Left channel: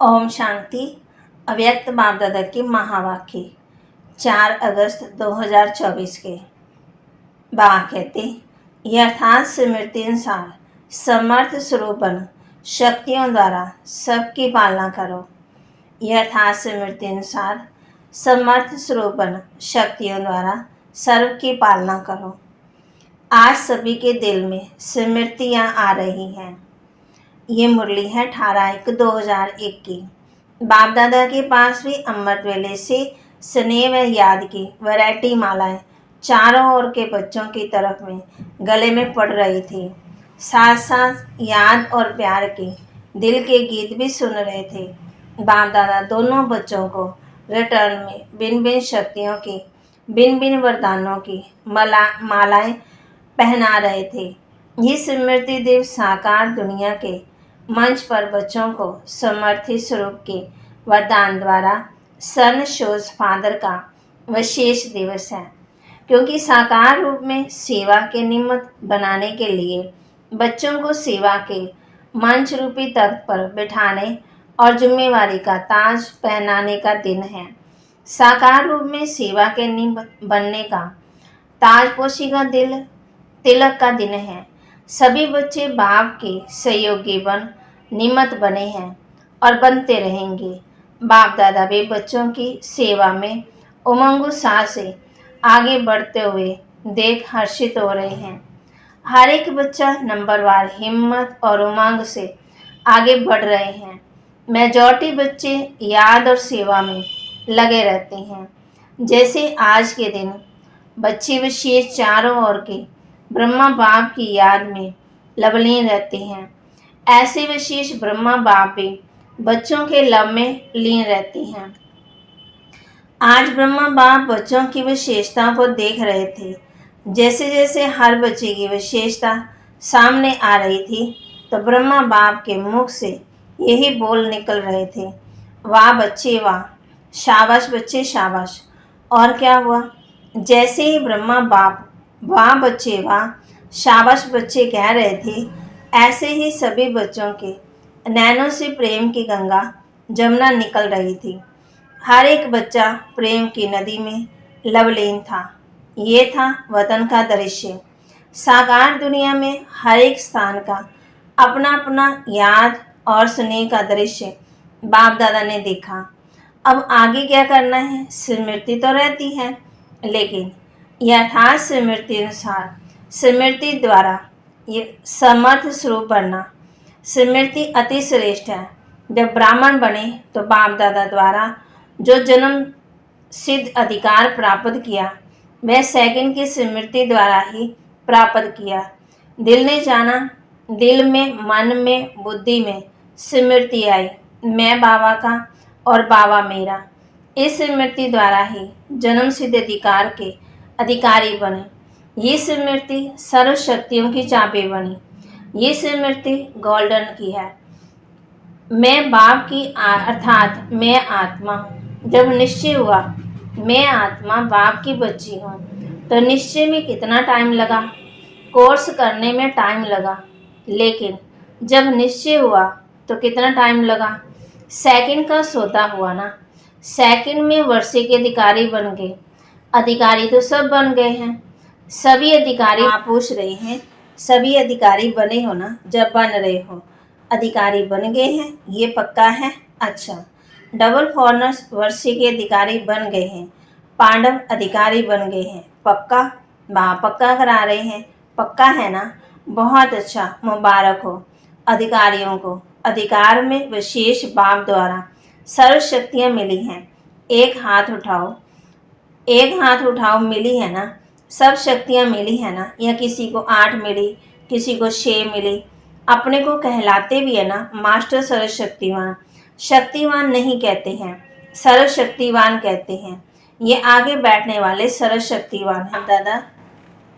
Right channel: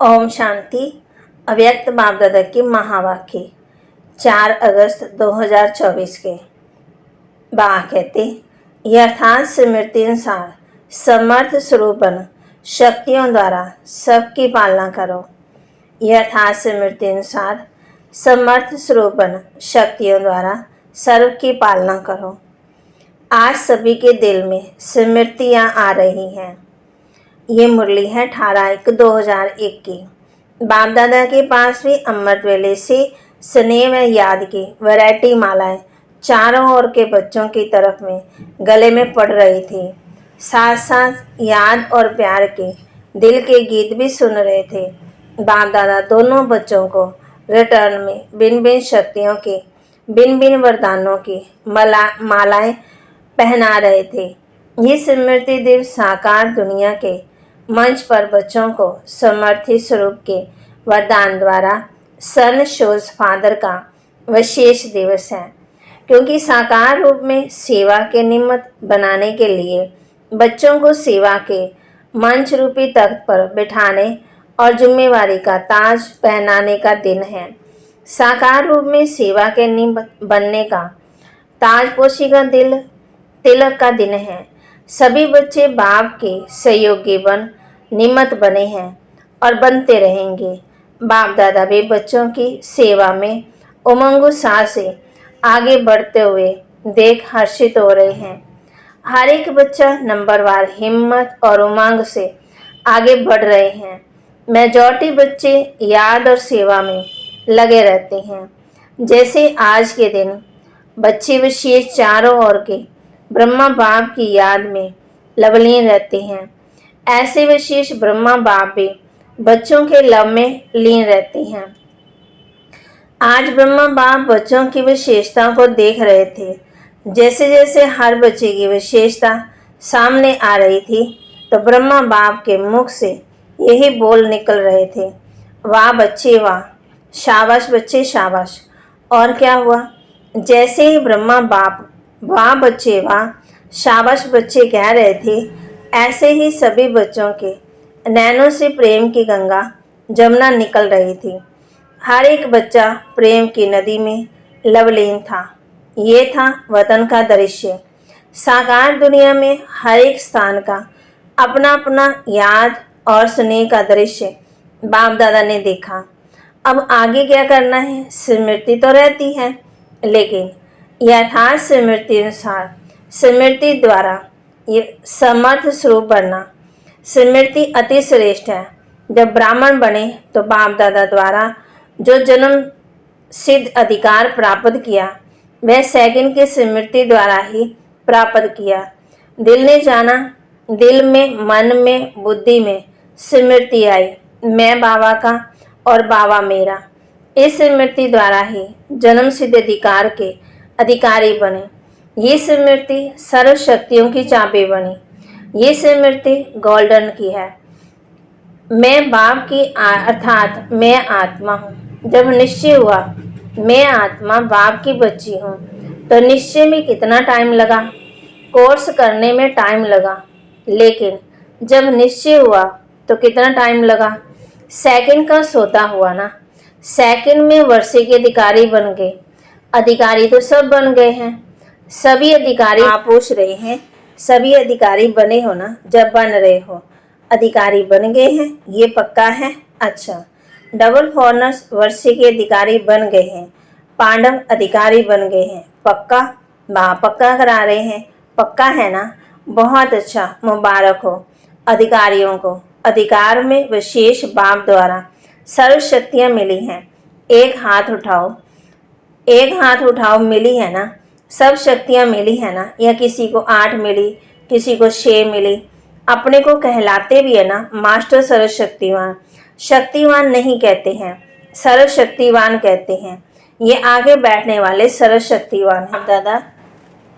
ओम शांति। अव्यक्त बाप दादा की महावाक्य 4 अगस्त 2024 के बाबा कहते, यथार्थ स्मृति अनुसार समर्थ स्वरूप बन शक्तियों द्वारा सबकी पालना करो। यथार्थ स्मृति अनुसार समर्थ स्वरूप बन शक्तियों द्वारा सर्व की पालना करो। आज सभी के दिल में स्मृतियाँ आ रही हैं। ये मुरली है 18/1/2001 की। बाप दादा के पास भी अमृत वेले से स्नेह व याद की वैरायटी मालाएं चारों ओर के बच्चों की तरफ में गले में पड़ रही थी। साथ साथ याद और प्यार के दिल के गीत भी सुन रहे थे। बाप दादा दोनों बच्चों को रिटर्न में भिन्न भिन्न शक्तियों की, भिन्न भिन्न वरदानों की मालाएं पहना रहे थे। ये स्मृति दिवस साकार दुनिया के मंच पर बच्चों को समर्थी स्वरूप के वरदान द्वारा सन शोज फादर का विशेष दिवस है, क्योंकि साकार रूप में सेवा के निमित्त बनाने के लिए बच्चों को सेवा के मंच रूपी तख्त पर बिठाने और जिम्मेवारी का ताज पहनाने का दिन है। साकार रूप में सेवा के निमित्त बनने का ताजपोशी का तिलक का दिन है। सभी बच्चे बाप के सहयोगी बन निमित्त बने हैं और बनते रहेंगे। बाप दादा भी बच्चों की सेवा में उमंग उत्साह से आगे बढ़ते हुए देख हर्षित हो रहे हैं। हर एक बच्चा नंबरवार हिम्मत और उमंग से आगे बढ़ रहे हैं। मेजॉरिटी बच्चे याद और सेवा में लगे रहते हैं। जैसे आज के दिन बच्चे विशेष चारों ओर के ब्रह्मा बाप की याद में लवलीन रहते हैं, ऐसे विशेष ब्रह्मा बाप भी बच्चों के लव में लीन रहते हैं। आज ब्रह्मा बाप बच्चों की विशेषता को देख रहे थे। जैसे जैसे हर बच्चे की विशेषता सामने आ रही थी तो ब्रह्मा बाप के मुख से यही बोल निकल रहे थे, वाह बच्चे वाह, शाबाश बच्चे शाबाश। और क्या हुआ? जैसे ही ब्रह्मा बाप वाह बच्चे वाह, शाबाश बच्चे कह रहे थे, ऐसे ही सभी बच्चों के नैनों से प्रेम की गंगा जमुना निकल रही थी। हर एक बच्चा प्रेम की नदी में लवलीन था। ये था वतन का दृश्य। साकार दुनिया में हर एक स्थान का अपना अपना याद और स्नेह का दृश्य बाप दादा ने देखा। अब आगे क्या करना है? स्मृति तो रहती है, लेकिन यथार्थ स्मृति अनुसार स्मृति द्वारा ये समर्थ स्वरूप बनना स्मृति अति श्रेष्ठ है। जब ब्राह्मण बने तो बाप दादा द्वारा जो जन्म सिद्ध अधिकार प्राप्त किया वह सेकंड की स्मृति द्वारा ही प्राप्त किया। दिल ने जाना, दिल में, मन में, बुद्धि में स्मृति आई, मैं बाबा का और बाबा मेरा। इस स्मृति द्वारा ही जन्म सिद्ध अधिकार के अधिकारी बने। ये स्मृति सर्व शक्तियों की चाबी बनी। ये स्मृति गोल्डन की है। मैं बाप की अर्थात मैं आत्मा हूँ। जब निश्चय हुआ मैं आत्मा बाप की बच्ची हूँ तो निश्चय में कितना टाइम लगा? कोर्स करने में टाइम लगा, लेकिन जब निश्चय हुआ तो कितना टाइम लगा? सेकंड का सौदा हुआ ना। सेकंड में वर्षे के अधिकारी बन गए। अधिकारी तो सब बन गए हैं। सभी अधिकारी आप पूछ रहे हैं, सभी अधिकारी बने हो ना? जब बन रहे हो अधिकारी बन गए हैं, ये पक्का है? अच्छा, डबल फॉरनर्स वर्षे के अधिकारी बन गए हैं। पांडव अधिकारी बन गए हैं, पक्का? पक्का करा रहे हैं, पक्का है ना? बहुत अच्छा, मुबारक हो अधिकारियों को। अधिकार में विशेष बाप द्वारा सर्व शक्तियाँ मिली हैं। एक हाथ उठाओ, एक हाथ उठाओ, मिली है ना? सब शक्तियाँ मिली है ना? या किसी को 8 मिली, किसी को 6 मिली। अपने को कहलाते भी है ना मास्टर सर्वशक्तिवान। शक्तिवान नहीं कहते हैं, सर्वशक्तिवान कहते हैं। ये आगे बैठने वाले सर्वशक्तिवान हैं। दादा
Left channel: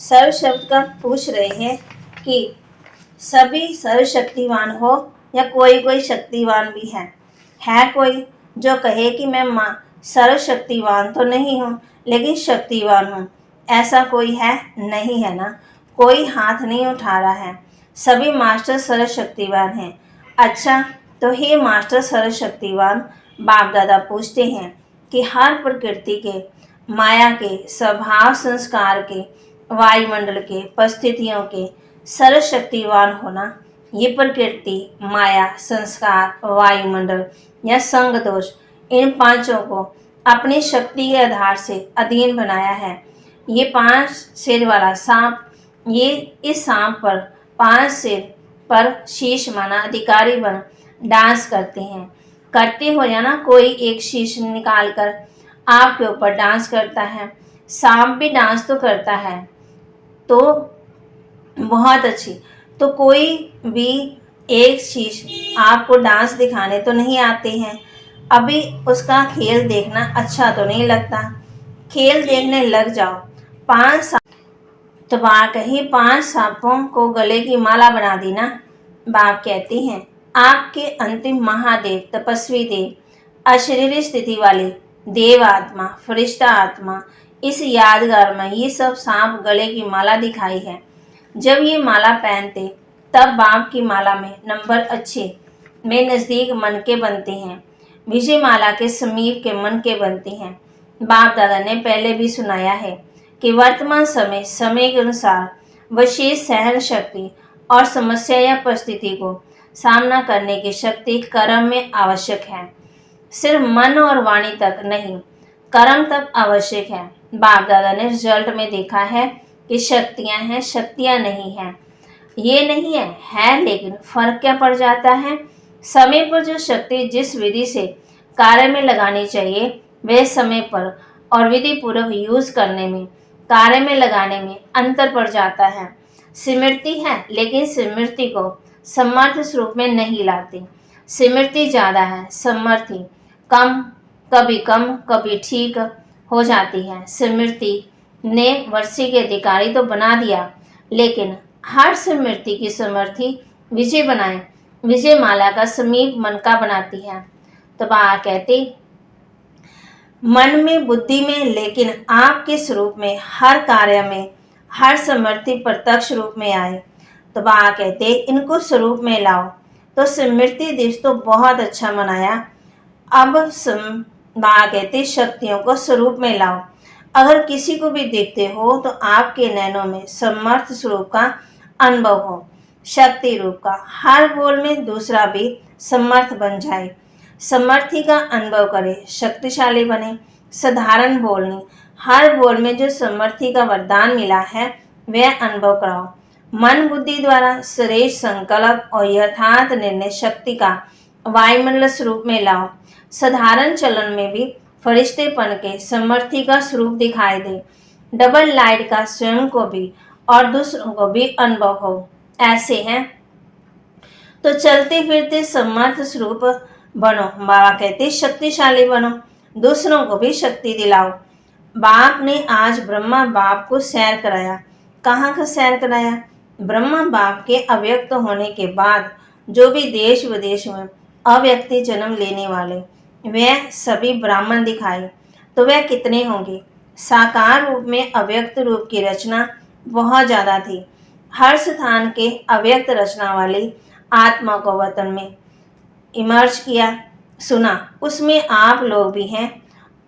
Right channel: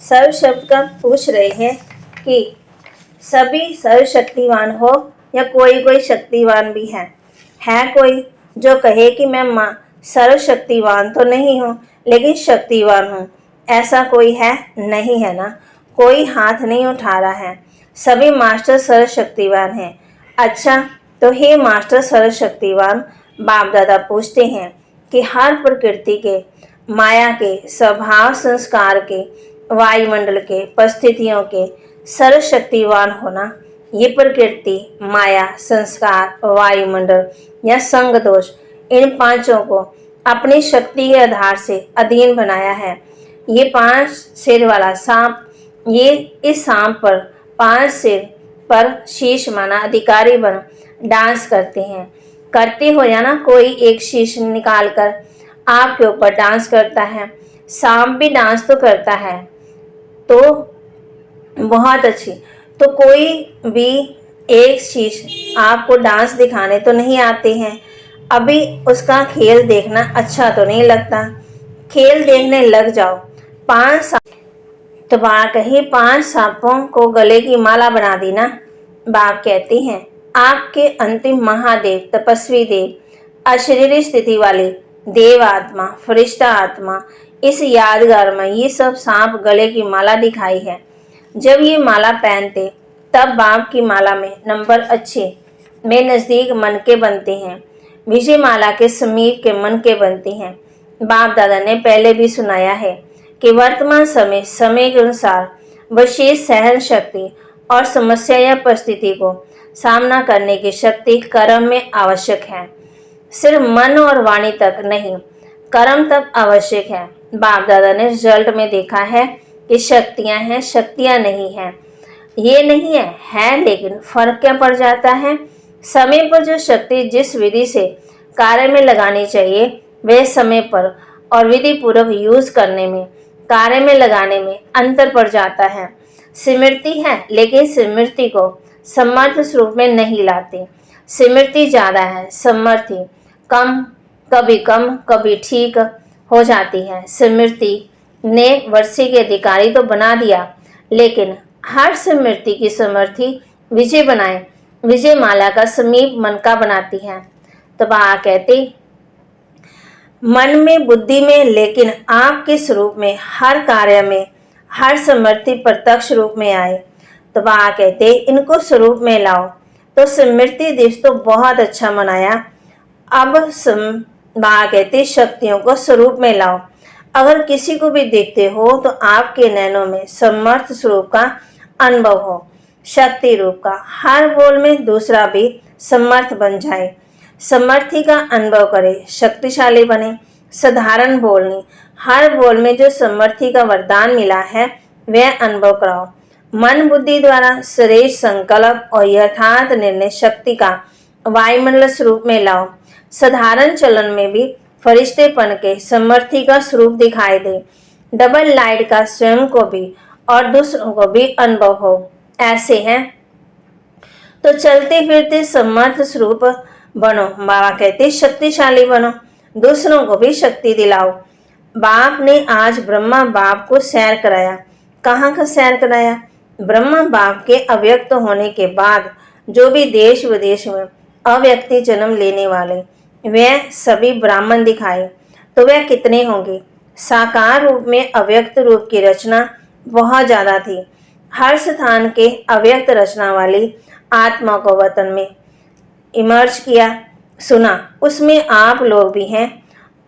सर्व शब्द का पूछ रहे हैं कि सभी सर्वशक्तिवान हो या कोई कोई शक्तिवान भी है कोई जो कहे कि मैं सर्वशक्तिवान तो नहीं हूँ लेकिन शक्तिवान हूँ? ऐसा कोई है? नहीं है ना? कोई हाथ नहीं उठा रहा है। सभी मास्टर सर्वशक्तिवान हैं। अच्छा, तो हे मास्टर सर्वशक्तिवान बाप दादा पूछते हैं कि हर प्रकृति के, माया के, स्वभाव संस्कार के, वायुमंडल के, परिस्थितियों के सर्वशक्तिवान होना, ये प्रकृति, माया, संस्कार, वायुमंडल या संग दोष, इन पांचों को अपनी शक्ति के आधार से अधीन बनाया है। ये 5 सिर वाला सांप, ये इस सांप पर 5 सिर पर शीश माना अधिकारी बन डांस करते हैं। करते हो या ना, कोई एक शीश निकाल कर आपके ऊपर डांस करता है। सांप भी डांस तो करता है, तो बहुत अच्छी। तो कोई भी एक शीश आपको डांस दिखाने तो नहीं आते हैं, अभी उसका खेल देखना अच्छा तो नहीं लगता। खेल देखने लग जाओ। 5 तो बाप कही 5 सांपों को गले की माला बना दी ना। बाप कहते हैं आपके अंतिम महादेव, तपस्वी देव, अशरीरी स्थिति वाले देव आत्मा, फरिश्ता आत्मा, इस यादगार में ये सब सांप गले की माला दिखाई है। जब ये माला पहनते तब बाप की माला में नंबर अच्छे में नज़दीक मन के बनते हैं, विजय माला के समीप के मन के बनते हैं। बाप दादा ने पहले भी सुनाया है कि वर्तमान समय के अनुसार विशेष सहन शक्ति और समस्या या परिस्थिति को सामना करने की शक्ति कर्म में आवश्यक है। सिर्फ मन और वाणी तक नहीं, कर्म तक आवश्यक है। बाप दादा ने रिजल्ट में देखा है कि शक्तियां हैं, शक्तियां नहीं है, ये नहीं है, लेकिन फर्क क्या पड़ जाता है? समय पर जो शक्ति जिस विधि से कार्य में लगानी चाहिए वह समय पर और विधि पूर्वक यूज करने में, कार्य में लगाने में अंतर पड़ जाता है। स्मृति है, लेकिन स्मृति को समर्थ स्वरूप में नहीं लाते। स्मृति ज्यादा है, समर्थी कम, कभी ठीक हो जाती है। स्मृति ने वर्षी के अधिकारी तो बना दिया, लेकिन हर स्मृति की समर्थी विजय बनाए, विजय माला का समीप मन का बनाती है। तो बा कहते मन में, बुद्धि में, लेकिन आपके स्वरूप में, हर कार्य में, हर समर्थी प्रत्यक्ष रूप में आए। तो बा कहते इनको स्वरूप में लाओ। तो स्मृति दिवस तो बहुत अच्छा मनाया। अब बा कहते शक्तियों को स्वरूप में लाओ। अगर किसी को भी देखते हो तो आपके नैनों में समर्थ स्वरूप का अनुभव हो, शक्ति रूप का। हर बोल में दूसरा भी समर्थ बन जाए, समर्थी का अनुभव करे, शक्तिशाली बने। साधारण बोलनी, हर बोल में जो समर्थी का वरदान मिला है वह अनुभव कराओ। मन बुद्धि द्वारा श्रेष्ठ संकल्प और यथार्थ निर्णय शक्ति का वायुमंडल स्वरूप में लाओ। साधारण चलन में भी फरिश्तेपन के समर्थी का स्वरूप दिखाई दे। डबल लाइट का स्वयं को भी और दूसरों को भी अनुभव हो। ऐसे हैं तो चलते फिरते समर्थ स्वरूप बनो। बाबा कहते शक्तिशाली बनो, दूसरों को भी शक्ति दिलाओ। बाप ने आज ब्रह्मा बाप को सैर कराया। कहाँ का सैर कराया? ब्रह्मा बाप के अव्यक्त होने के बाद जो भी देश विदेश में अव्यक्ति जन्म लेने वाले वह सभी ब्राह्मण दिखाए, तो वह कितने होंगे? साकार रूप में अव्यक्त रूप की रचना बहुत ज्यादा थी। हर स्थान के अव्यक्त रचना वाली आत्मा को वतन में इमर्ज किया, सुना, उसमें आप लोग भी हैं।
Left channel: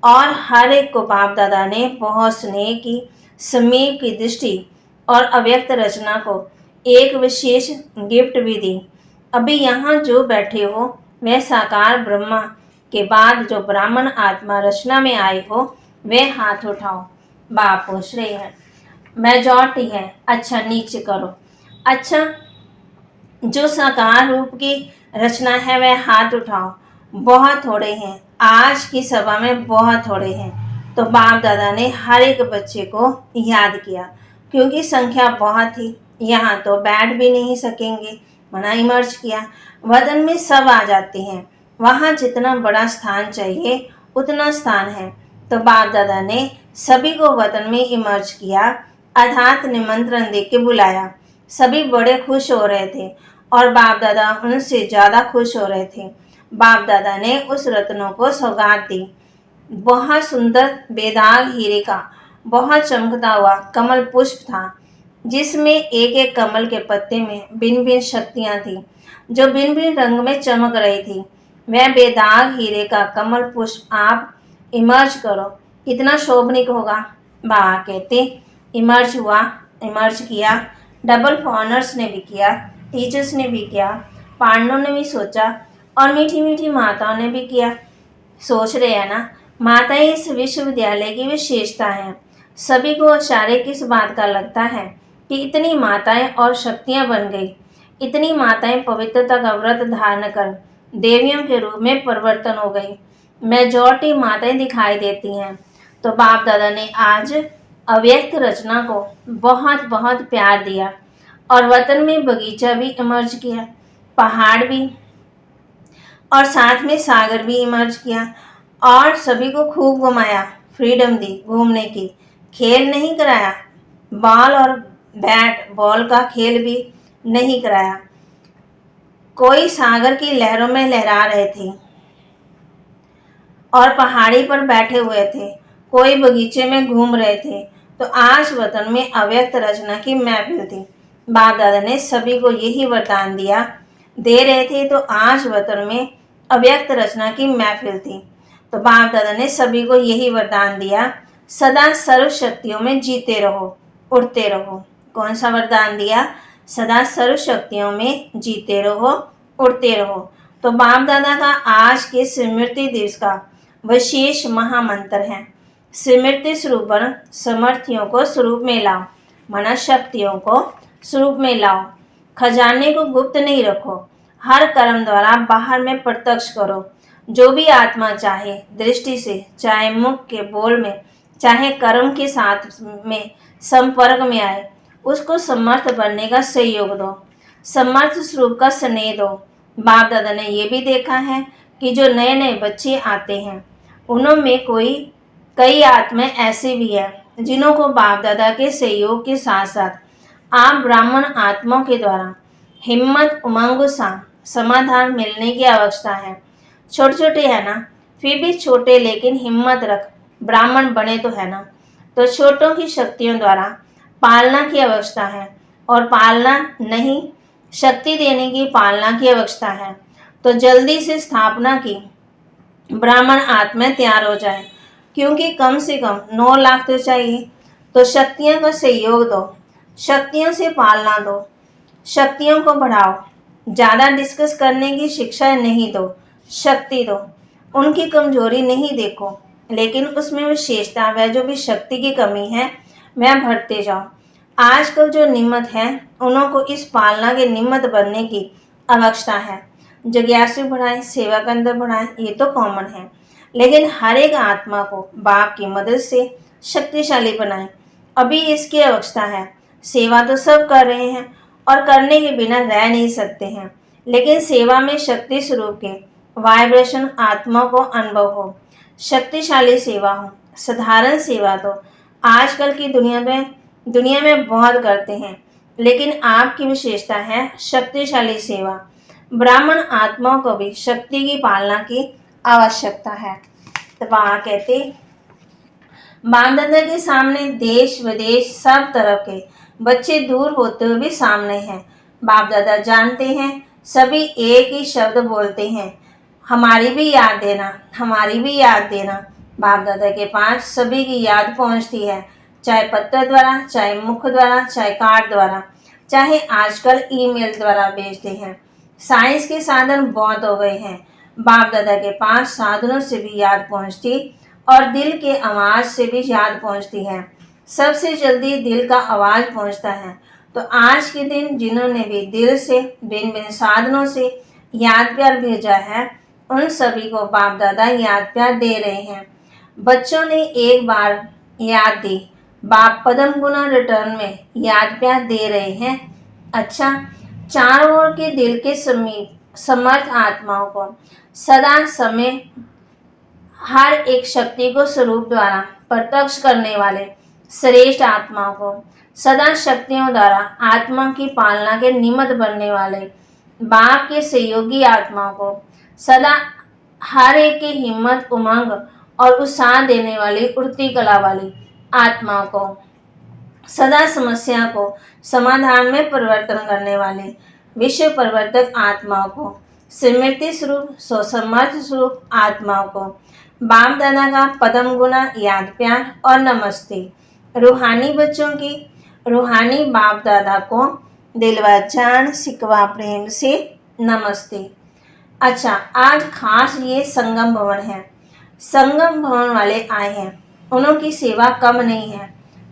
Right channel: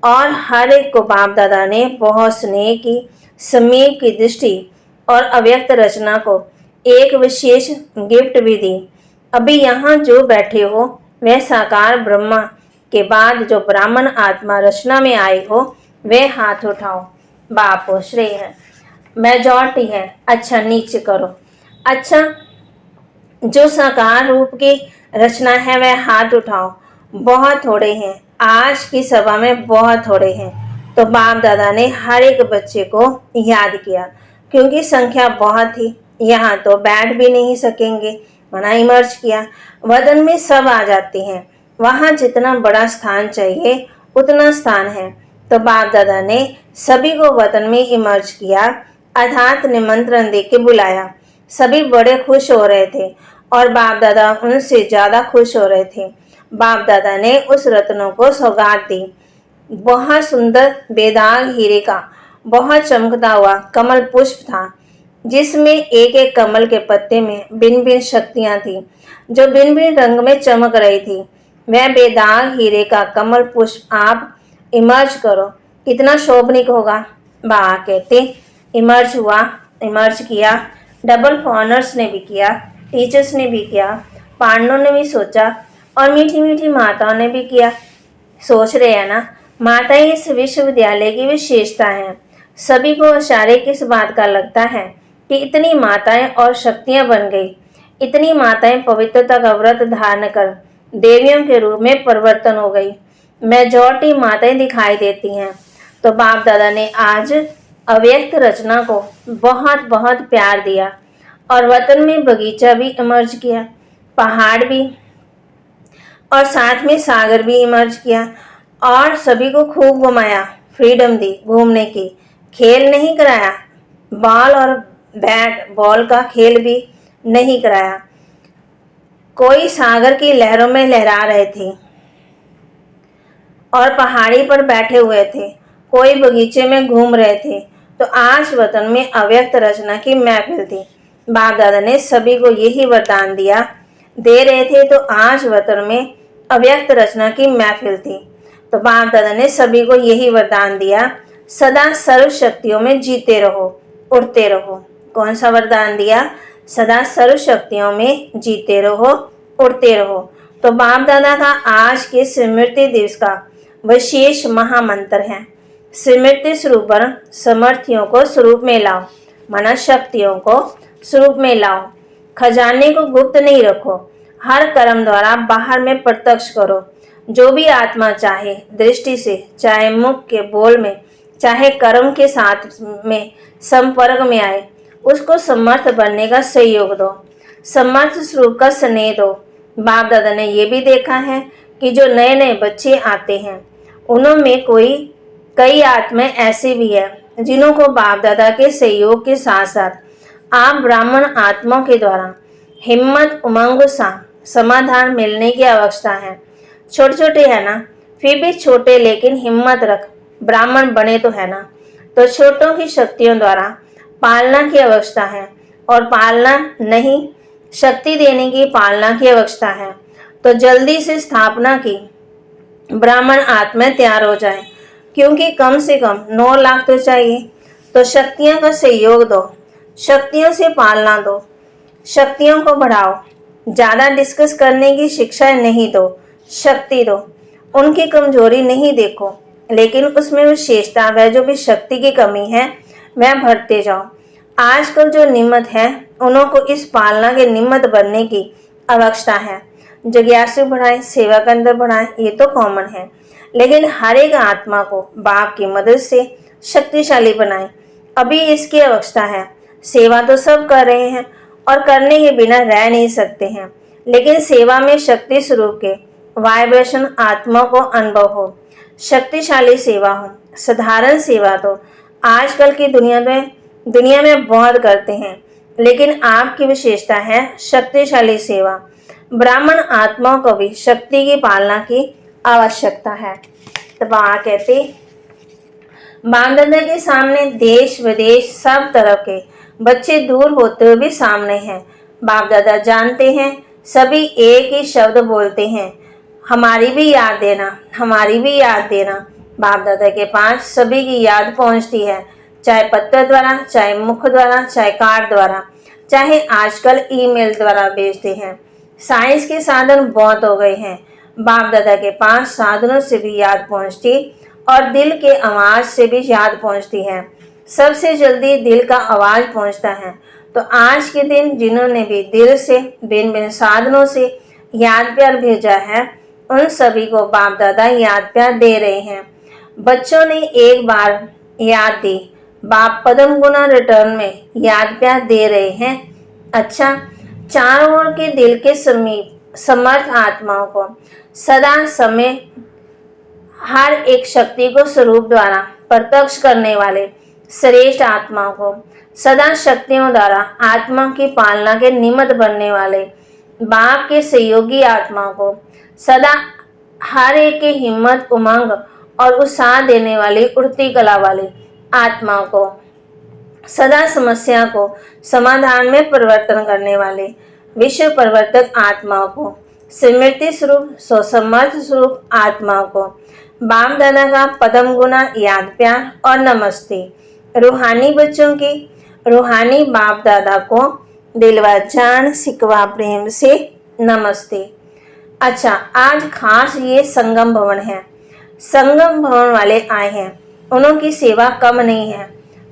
और हर एक को बाप दादा ने बहुत स्नेह की, समीप की दृष्टि और अव्यक्त रचना को एक विशेष गिफ्ट भी दी। अभी यहाँ जो बैठे हो वह साकार ब्रह्मा के बाद जो ब्राह्मण आत्मा रचना में आए हो वह हाथ उठाओ। बाप पूछ रहे हैं मेजॉरिटी है, अच्छा नीचे करो। अच्छा, जो साकार रूप की रचना है वह हाथ उठाओ। बहुत थोड़े हैं, आज की सभा में बहुत थोड़े हैं। तो बाप दादा ने हर एक बच्चे को याद किया, क्योंकि संख्या बहुत थी, यहाँ तो बैठ भी नहीं सकेंगे, मना इमर्ज किया। वतन में सब आ जाते हैं, वहाँ जितना बड़ा स्थान चाहिए उतना स्थान है। तो बाप दादा ने सभी को वतन में इमर्ज किया, अर्थात निमंत्रण दे के बुलाया। सभी बड़े खुश हो रहे थे और बाप दादा उनसे ज्यादा खुश हो रहे थे। बाप दादा ने उस रत्नों को सौगात दी। बहुत सुंदर बेदाग हीरे का बहुत चमकता हुआ कमल पुष्प था, जिसमें एक एक कमल के पत्ते में भिन्न भिन्न शक्तियां थी। जो भिन्न भिन्न रंग में चमक रही थी। वह बेदाग हीरे का कमल पुष्प आप इमर्ज करो, कितना शोभनिक होगा। बाबा कहते इमर्ज हुआ, इमर्ज किया, डबल ऑनर्स ने भी किया, टीचर्स ने भी किया, पांडवों ने भी सोचा और मीठी मीठी माताओं ने भी किया। सोच रहे हैं ना, माताएं इस विश्वविद्यालय की विशेषता है। सभी को आश्चर्य किस बात का लगता है कि इतनी माताएं और शक्तियां बन गई। इतनी माताएं पवित्रता का व्रत धारण कर देवियों के रूप में परिवर्तन हो गई। मेजॉरिटी माताएं दिखाई देती हैं। तो बाप दादा ने आज अव्यक्त रचना को बहुत बहुत प्यार दिया और वतन में बगीचा भी इमर्ज किया, पहाड़ भी और साथ में सागर भी इमर्ज किया और सभी को खूब घुमाया, फ्रीडम दी घूमने की। खेल नहीं कराया, बॉल और बैट बॉल का खेल भी नहीं कराया। कोई सागर की लहरों में लहरा रहे थे और पहाड़ी पर बैठे हुए थे, कोई बगीचे में घूम रहे थे। तो आज वतन में अव्यक्त रचना की महफिल थी। बाप दादा ने सभी को यही वरदान दे रहे थे। तो आज वतन में अव्यक्त रचना की महफिल थी। तो बाप दादा ने सभी को यही वरदान दिया, सदा सर्व शक्तियों में जीते रहो, उड़ते रहो। कौन सा वरदान दिया? सदा सर्व शक्तियों में जीते रहो, उड़ते रहो। तो बाप दादा का आज के स्मृति दिवस का विशेष महामंत्र है, स्मृति स्वरूपण समर्थियों को स्वरूप में लाओ, माना शक्तियों को स्वरूप में लाओ। खजाने को गुप्त नहीं रखो, हर कर्म द्वारा बाहर में प्रत्यक्ष करो। जो भी आत्मा चाहे दृष्टि से, चाहे मुख के बोल में, चाहे कर्म के साथ में संपर्क में आए, उसको समर्थ बनने का सहयोग दो, समर्थ स्वरूप का स्नेह दो। बाप दादा ने ये भी देखा है कि जो नए नए बच्चे आते हैं उनमें कई आत्माएं ऐसी भी है जिन्हों को बाप दादा के सहयोग के साथ साथ आप ब्राह्मण आत्माओं के द्वारा हिम्मत उमंग सा समाधान मिलने की आवश्यकता है। छोटे छोटे है ना, फिर भी छोटे लेकिन हिम्मत रख ब्राह्मण बने तो है ना। तो छोटों की शक्तियों द्वारा पालना की आवश्यकता है और पालना नहीं, शक्ति देने की पालना की आवश्यकता है। तो जल्दी से स्थापना की ब्राह्मण आत्माएं तैयार हो जाए, क्योंकि कम से कम 9 लाख तो चाहिए। तो शक्तियों का सहयोग दो, शक्तियों से पालना दो, शक्तियों को बढ़ाओ। ज़्यादा डिस्कस करने की शिक्षा नहीं दो, शक्ति दो। उनकी कमजोरी नहीं देखो, लेकिन उसमें विशेषता वह जो भी शक्ति की कमी है वह भरते जाओ। आजकल जो निमित्त है उन्हों को इस पालना के निमित्त बनने की आवश्यकता है। जिज्ञासु बढ़ाएं, सेवा के अंदर बढ़ाएं, ये तो कॉमन है, लेकिन हर एक आत्मा को बाप की मदद से शक्तिशाली बनाएं। अभी इसकी आवश्यकता है। सेवा तो सब कर रहे हैं और करने के बिना रह नहीं सकते हैं, लेकिन सेवा में शक्ति स्वरूप के वाइब्रेशन आत्मा को अनुभव हो, शक्तिशाली सेवा हो। साधारण सेवा तो आजकल की दुनिया में बहुत करते हैं, लेकिन आपकी विशेषता है शक्तिशाली सेवा। ब्राह्मण आत्माओं को भी शक्ति की पालना की आवश्यकता है। तो वहाँ कहते बाप दादा के सामने देश विदेश सब तरह के बच्चे दूर होते हुए भी सामने हैं। बाप दादा जानते हैं, सभी एक ही शब्द बोलते हैं, हमारी भी याद देना, हमारी भी याद देना। बाप दादा के पास सभी की याद पहुंचती है, चाहे पत्र द्वारा, चाहे मुख द्वारा, चाहे कार्ड द्वारा, चाहे आजकल ईमेल द्वारा भेजते हैं। साइंस के साधन बहुत हो गए हैं, बाप दादा के पास साधनों से भी याद पहुंचती और दिल के आवाज से भी याद पहुंचती है। सबसे जल्दी दिल का आवाज पहुंचता है। तो आज के दिन जिन्होंने भी दिल से भिन्न भिन्न साधनों से याद प्यार भेजा है, उन सभी को बाप दादा याद प्यार दे रहे हैं। बच्चों ने एक बार याद दी, बाप पद्म गुना रिटर्न में याद प्यार दे रहे हैं। अच्छा, चारों ओर के दिल के समीप समर्थ आत्माओं को सदा समय हर एक शक्ति को स्वरूप द्वारा प्रत्यक्ष करने वाले श्रेष्ठ आत्माओं को सदा शक्तियों द्वारा आत्मा की पालना के निमित्त बनने वाले बाप के सहयोगी आत्माओं को सदा हर एक की हिम्मत उमंग और उत्साह देने वाली उड़ती कला वाली आत्माओं को सदा समस्या को समाधान में परिवर्तन करने वाले विश्व प्रवर्तक आत्माओं को, स्मृति स्वरूप स्वसमर्थ स्वरूप आत्माओं को बाप दादा का पदम गुना याद प्यार और नमस्ते। रूहानी बच्चों की रूहानी बाप दादा को दिलवा जान सिकवा प्रेम से नमस्ते। अच्छा, आज खास ये संगम भवन है, संगम भवन वाले आए हैं, उनकी सेवा कम नहीं है।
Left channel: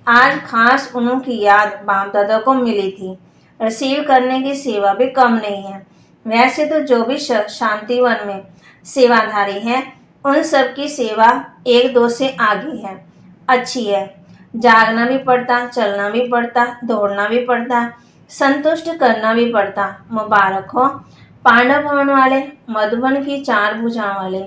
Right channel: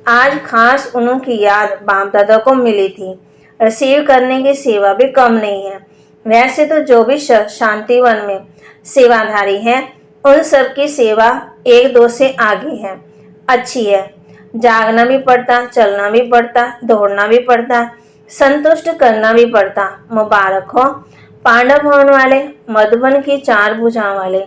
आज खास उनकी याद बाप दादा को मिली थी, रिसीव करने की सेवा भी कम नहीं है। वैसे तो जो भी शांतिवन में सेवाधारी हैं उन सब की सेवा एक दो से आगे है, अच्छी है। जागना भी पड़ता, चलना भी पड़ता, दौड़ना भी पड़ता, संतुष्ट करना भी पड़ता। मुबारक हो पांडव भवन वाले, मधुबन की 4 भुजाओं वाले,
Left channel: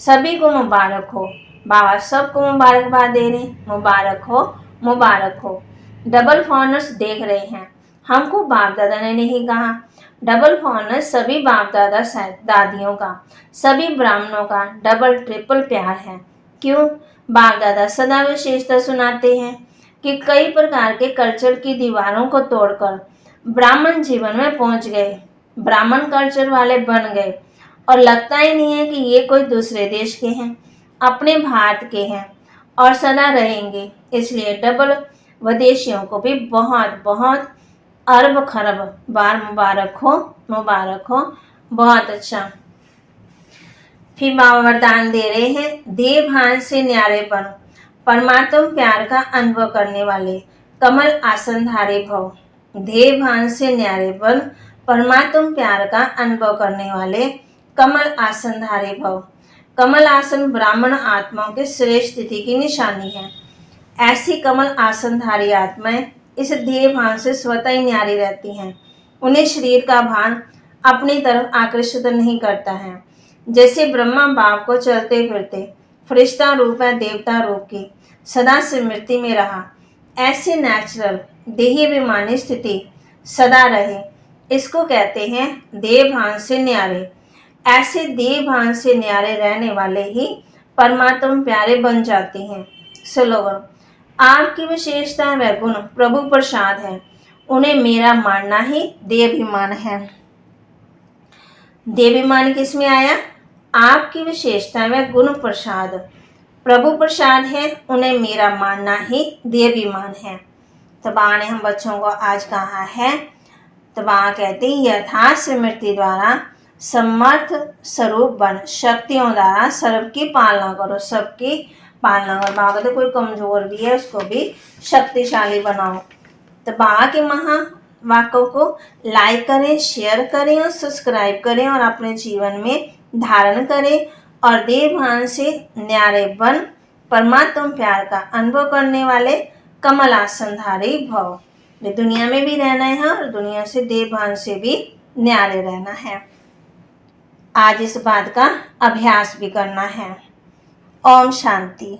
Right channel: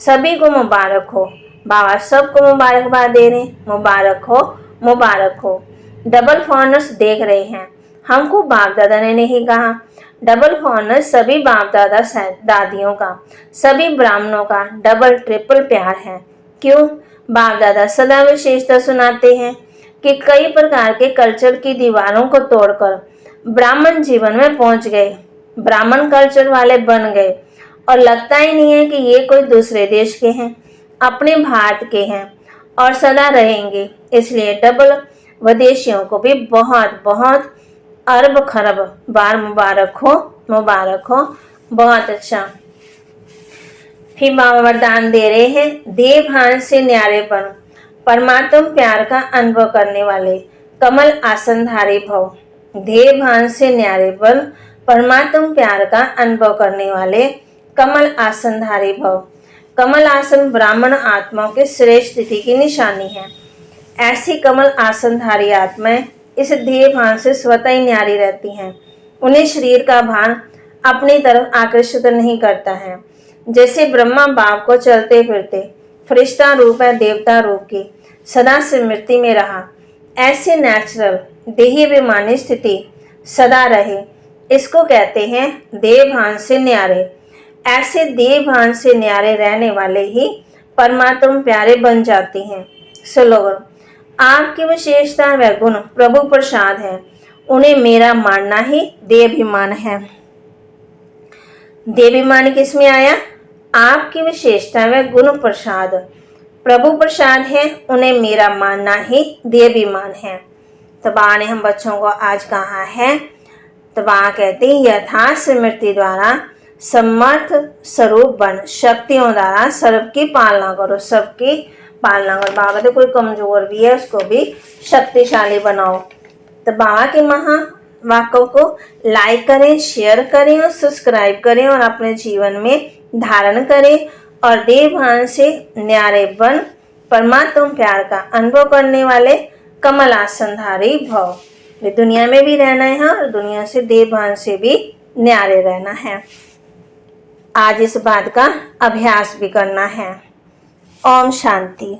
सभी को मुबारक हो। बाबा सबको मुबारकबाद दे रहे, मुबारक हो मुबारक हो। डबल फॉर्नर्स देख रहे हैं, हमको बाप दादा ने नहीं कहा। डबल फॉर्नर्स सभी बाप दादा दादियों का, सभी ब्राह्मणों का डबल ट्रिपल प्यार है। क्यों? बाप दादा सदा विशेषता सुनाते हैं कि कई प्रकार के कल्चर की दीवारों को तोड़कर ब्राह्मण जीवन में पहुंच गए, ब्राह्मण कल्चर वाले बन गए और लगता ही नहीं है कि ये कोई दूसरे देश के हैं, अपने भारत के हैं और सदा रहेंगे। इसलिए डबल विदेशियों को भी बहुत बहुत अरब खरब बार मुबारक हो, मुबारक हो। बहुत अच्छा। फिर बाबा वरदान दे रहे हैं, देव भान से न्यारेपन परमात्म प्यार का अनुभव करने वाले कमल आसनधारी भव। देव भान से न्यारेपन परमात्म प्यार का अनुभव करने वाले कमल आसनधारी भव। कमल आसन ब्राह्मण आत्माओं की श्रेष्ठ स्थिति की निशानी है। ऐसी कमल आसनधारी आत्माएं इस देह भान से स्वतः ही न्यारी रहती हैं। उन्हें शरीर का भान अपनी तरफ आकर्षित नहीं करता है। जैसे ब्रह्मा बाप को चलते फिरते फरिश्ता रूप है देवता रूप की सदा स्मृति में रहा, ऐसे नेचुरल देहाभिमानी स्थिति सदा रहे, इसको कहते हैं देह भान से न्यारे। ऐसे देह भान से न्यारे रहने वाले ही परमात्म प्यारे बन जाते हैं। स्लोगन, आपकी विशेषता व गुण प्रभु प्रसाद है, उन्हें मेरा मानना ही देहाभिमान है। देहाभिमान किसमें आया? आपकी विशेषता व गुण प्रसाद प्रभु प्रसाद है, उन्हें मेरा मानना ही देहाभिमान है। तबा ने हम बच्चों को आज कहा है, तबा कहते हैं यथार्थ स्मृति द्वारा समर्थ स्वरूप बन, शक्तियों द्वारा सबकी पालना करो, सबकी पालना करो। बाबा कहते कोई कमजोर भी है उसको भी शक्तिशाली बनाओ। तो बाबा के महावाक्यों को लाइक करें, शेयर करें और सब्सक्राइब करें और अपने जीवन में धारण करें और देव भान से न्यारे बन परमात्म प्यार का अनुभव करने वाले कमल आसनधारी भव। वे दुनिया में भी रहना है और दुनिया से देव भान से भी न्यारे रहना है। आज इस बात का अभ्यास भी करना है। ओम शांति।